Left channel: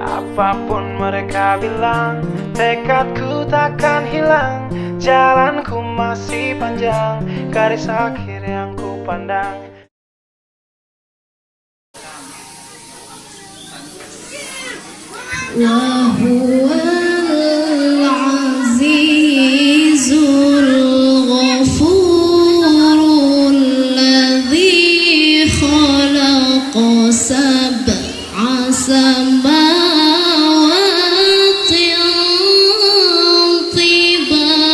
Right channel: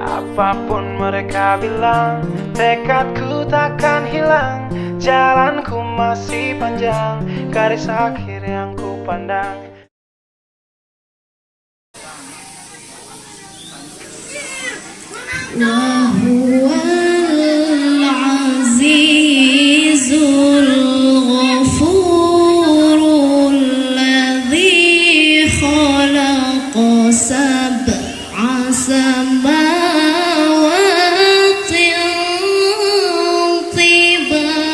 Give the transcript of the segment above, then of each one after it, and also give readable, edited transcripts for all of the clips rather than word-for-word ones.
Apapun mereka bilang, tekadku takkan hilang. Jalanku masih panjang, garis akhir yang ku pandang. Wahuwal azizul ghafurul ladzi khalaqa sab'a samawatin tibaqa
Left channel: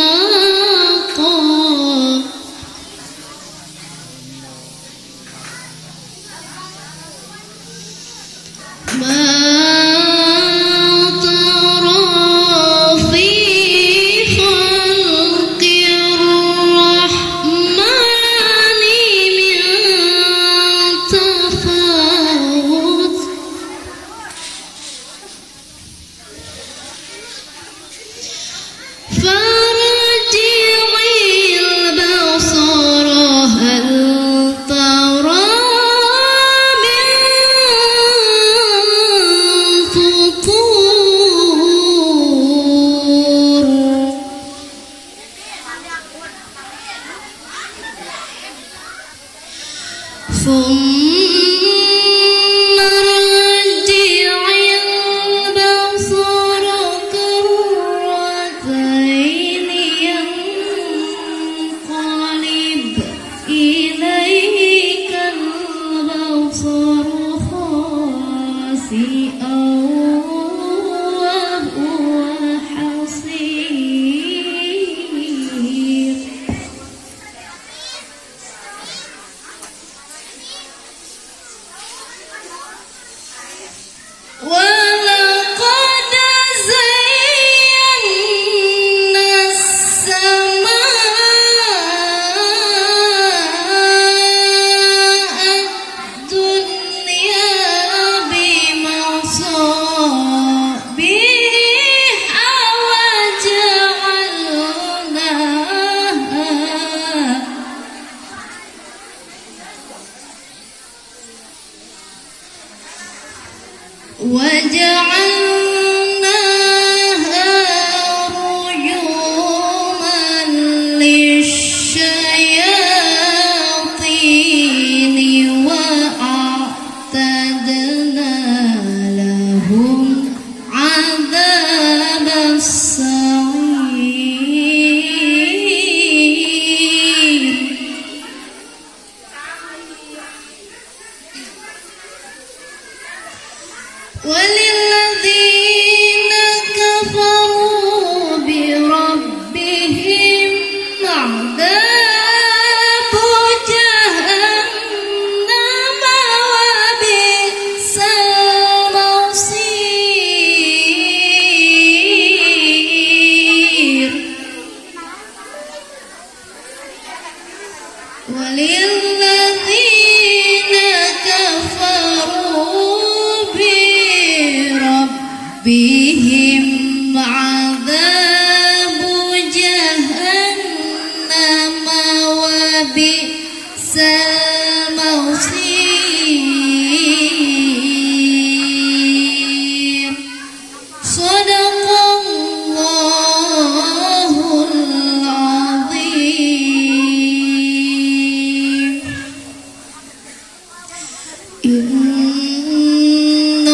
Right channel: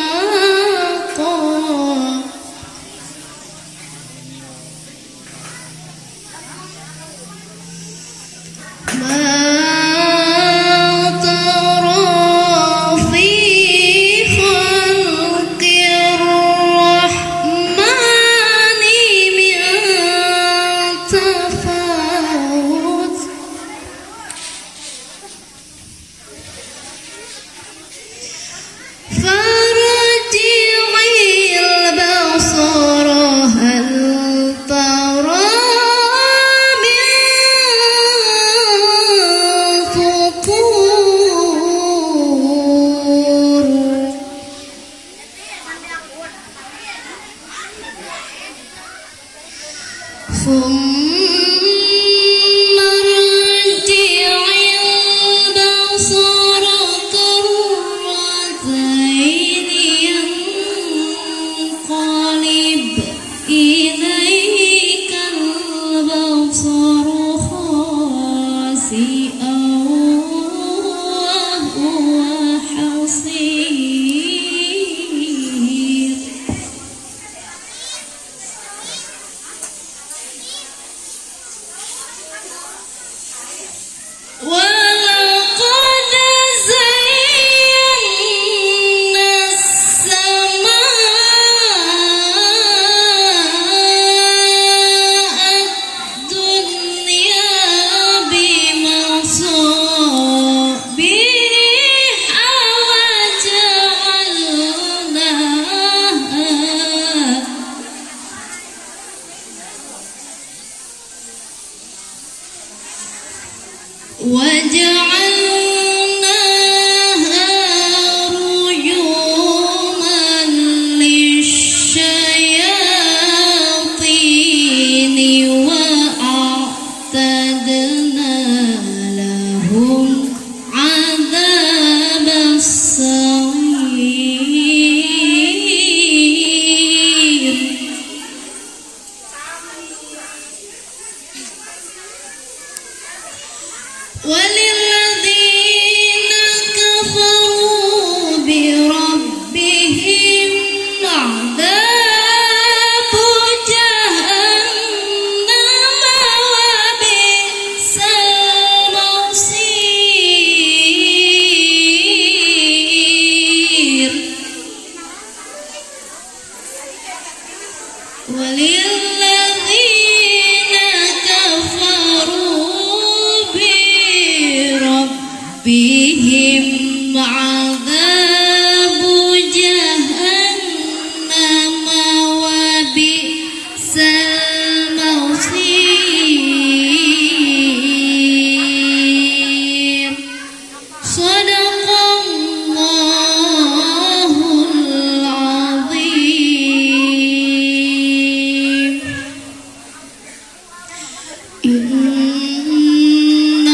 Inna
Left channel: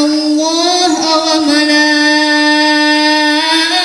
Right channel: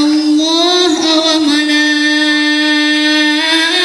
Allah wa malaikatahu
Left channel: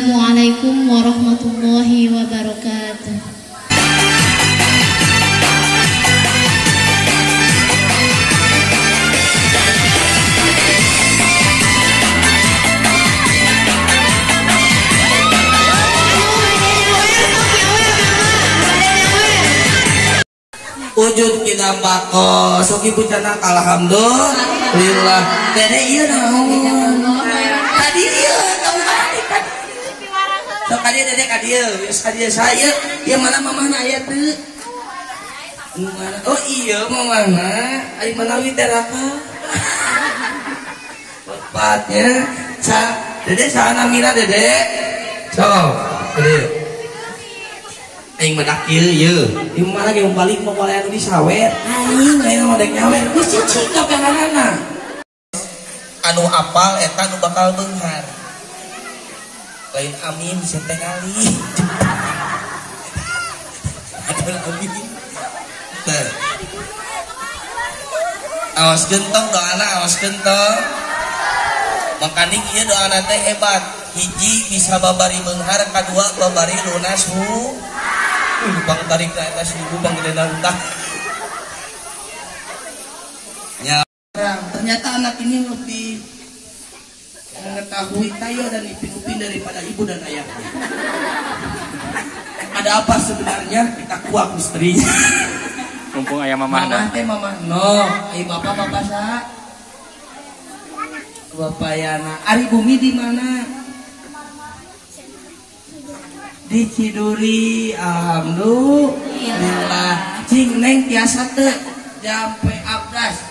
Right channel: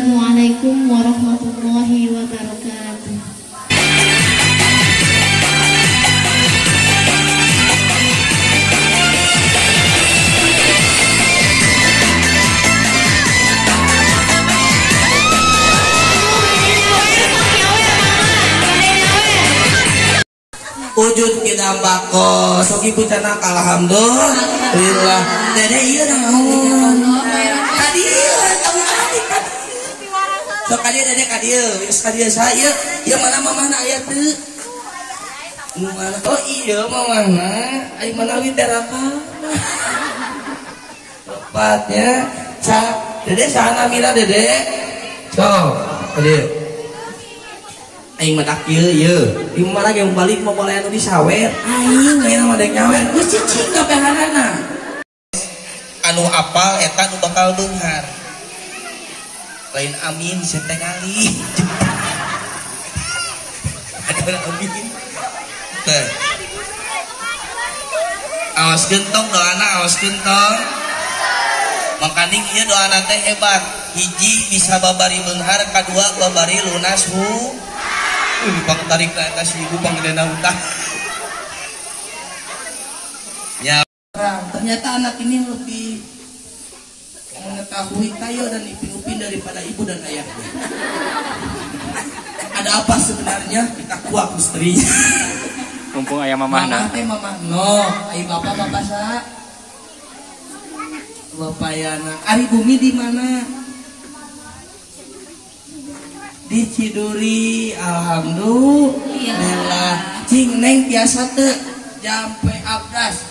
Wassalamualaikum warahmatullahi wabarakatuh. Wujud kita bako sok ibu tenang alhamdulillah. Dede ieu naon? Kadieu tahu kadi. Sok kadieu dede kadieu, geus kadieu saya. Ieu mana mamahna aya teu? Nu mana? Oh iya mamahna. Ari mana widaraka? Tepatnya. Dede sana mila dede. Sok, kadieu. Aing medak ieu di mana yang balik mau boleh anu disawer aing lain mah dek nyawer geus cicing kabehanana anu apal eta nu bakal beunghar lain amin setengali ada amin teh aos gentong doana aos gentong makaning ieu doana teh hebat hiji bisa babari beunghar kadua babari lunas pang tarik ke atas ibu pang gedena utah. Ya, ternyata anak ini lebih mengetahui tayo dan ipin-ipin daripada ibu dan ayahnya. Ada apa sebenarnya? Kita kuak misteri. Mumpung ayah mamahna. Mamah no, ayah bapak sa. Bapak yana. Ari bumi di mana? Di Ciduri, alhamdulillah. Cing neng tiasa teu jampe abdas,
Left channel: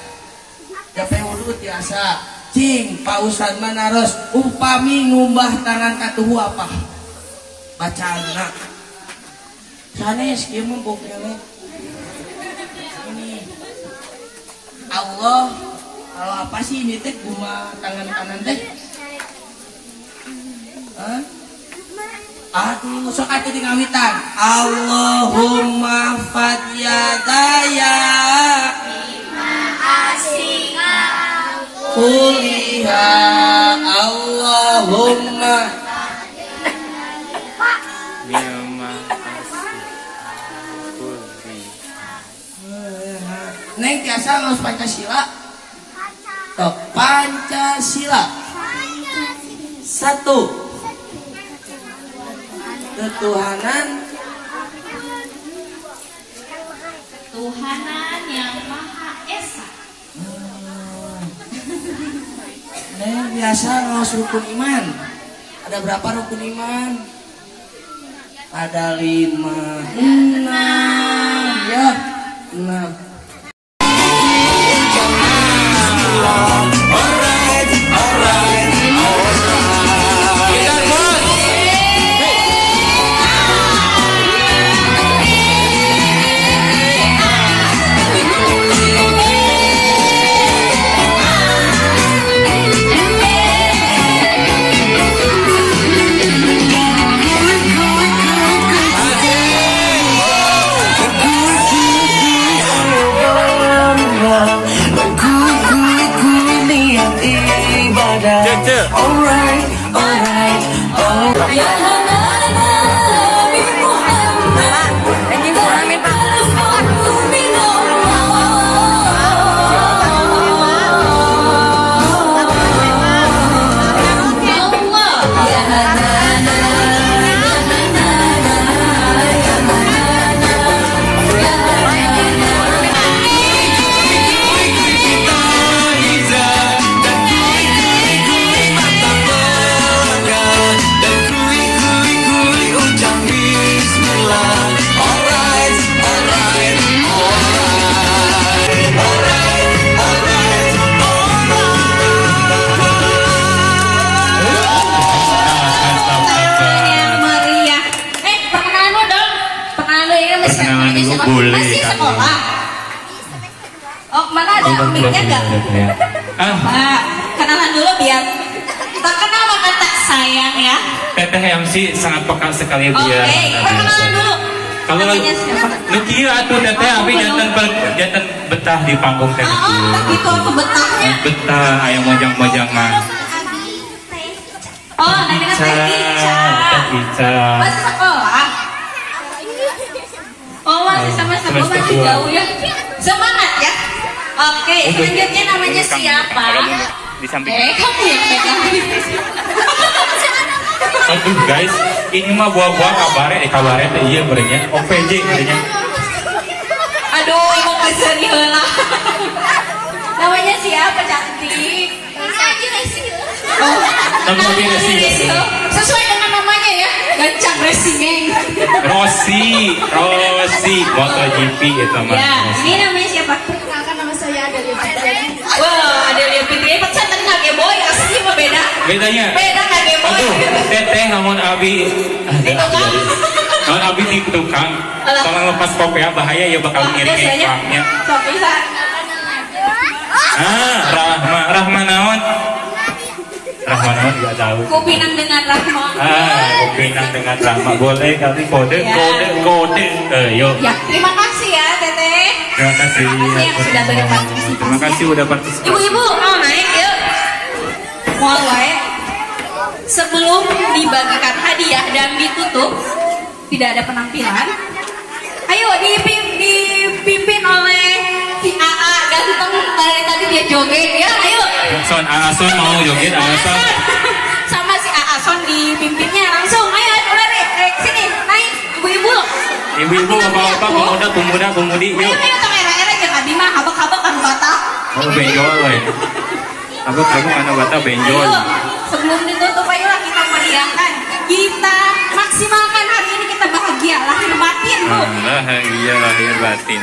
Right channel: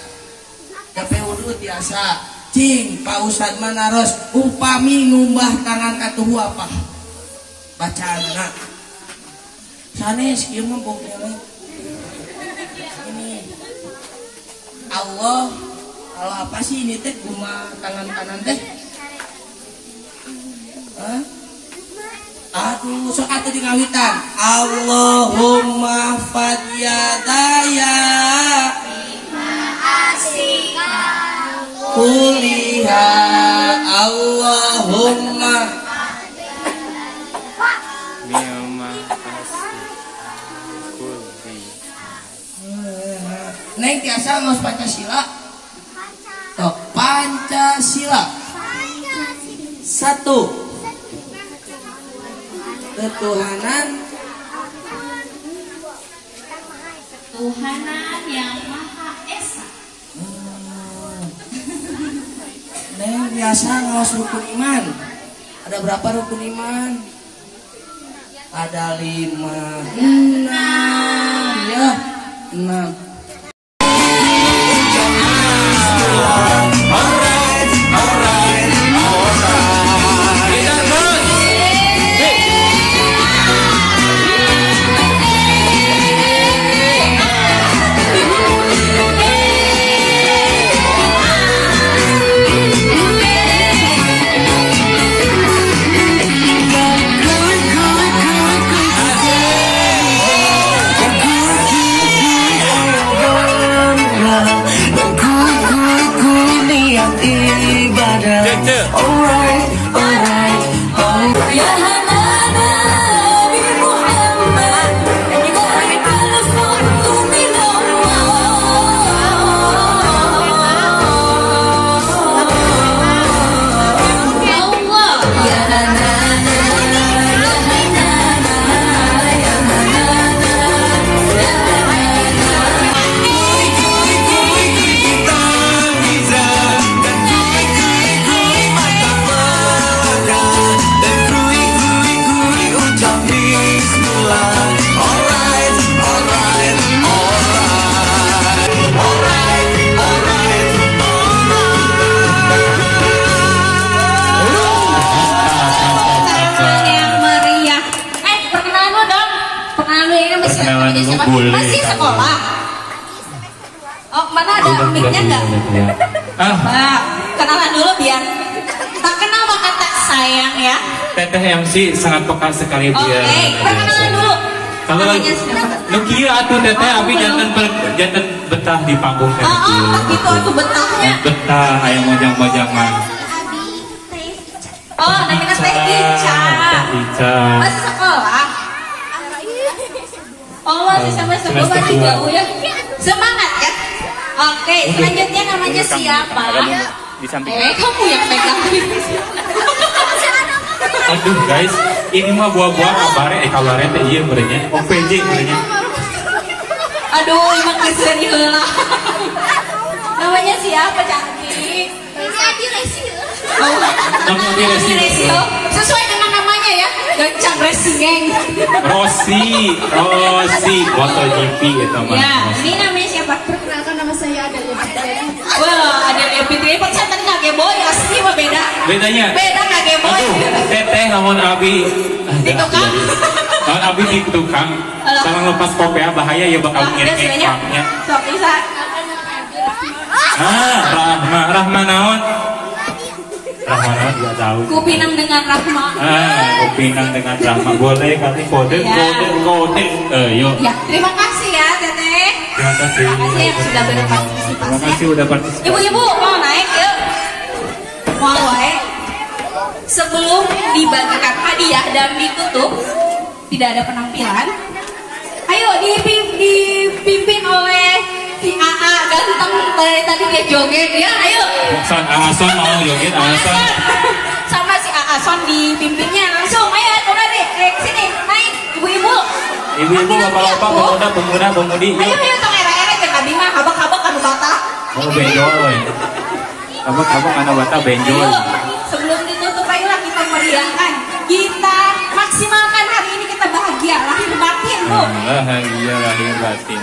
jampe wudu tiasa. Cing Pak Ustad manaros upami ngumbah tangan katuhu apa? Bacana. Sanes kieu mah bongkelek. Ini Allah, kalau apa sih ini teh guma tangan kanan teh? Hah? Aduh, sok atuh di ngawitan. Allahumma fadiyadaya bima asika kuliha. Allahumma bima asika kuliha. Neng tiasa ngaos Pancasila. Tok Pancasila. Satu. Ketuhanan yang Maha Esa. Neng biasa ngaos rukun iman. Ada berapa rukun iman? Ada 5. 6. Ya, 6. Boleh. Masih sekolah. Oh, mana ada mic-nya enggak? Kenalan dulu biar tak kenal maka tak sayang ya. Teteh MC sangat peka sekali dia. Oke, kenalan dulu. Kalau Nukia atuh teteh abi jantan betah di panggung teh. Oh, begitu atuh betahnya. Betah aya mojang-mojang mah. Oh, neneknya teh Ica. Ica. Masih sekolah. Oh, masih sama sekolah Semester masih dua. jauh ya. Semangat ya. Oke, selanjutnya namanya siapa? Di samping. Kamu yang pegang. Aduh guys, ini mah buah-buah kabarnya teh iya berenya. OPJ berenya. Aduh, emang keseri heula. Namanya siapa cantik? Nabi Resio. Oh, Nabi Resio. Sesuai dengan namanya ya, Gancang Racing Gang. Rosi, MotoGP gitu mah. Ya, ini namanya siapa? Perkenalkan nama saya Adelia Fitri. Wah, ada yang Fitri. Saya tadi nggak Game Boy, asli mah beda. Bedanya. Beda nggak Game Boy. Aduh, teteh namun abi. Di tukang. Namun abi di tukang. Kalau lepas kopea bahaya ya bakal ngirim iklannya. Sok bisa. Rahma naon? Rahma naon nggak tahu. Kupinang dengan Rahma. Kupinang dengan Rahma. Boleh kali kode. Yuk. Ya, terima kasih ya Teteh. Terima kasih. Terima kasih yang sudah berpartisipasi. Terima kasih udah partisipasi. Ibu-ibu, naik yuk. Mau wae. Sebelum dibagikan hadiah dan ditutup, tidak ada penampilan. Ayo dipimpin oleh si AA ganteng dari tadi dia joget ya. Ayo. Son mau joget Son. Sama si AA Son dipimpinnya langsung. Ayo coba deh, sini naik ibu-ibu. Ibu-ibu, bapak-bapak, pemuda-pemudi, yuk. Ayo tong era-era jeung abi mah habak-habak anu bata. Mau benjol we. Habak-habak anu bata benjol. Ayo, sebelum ditutup ayolah kita meriahkan. Kita maksimalkan hari ini, kita bahagia lahir batin, Bu. Bahagia lahir batin.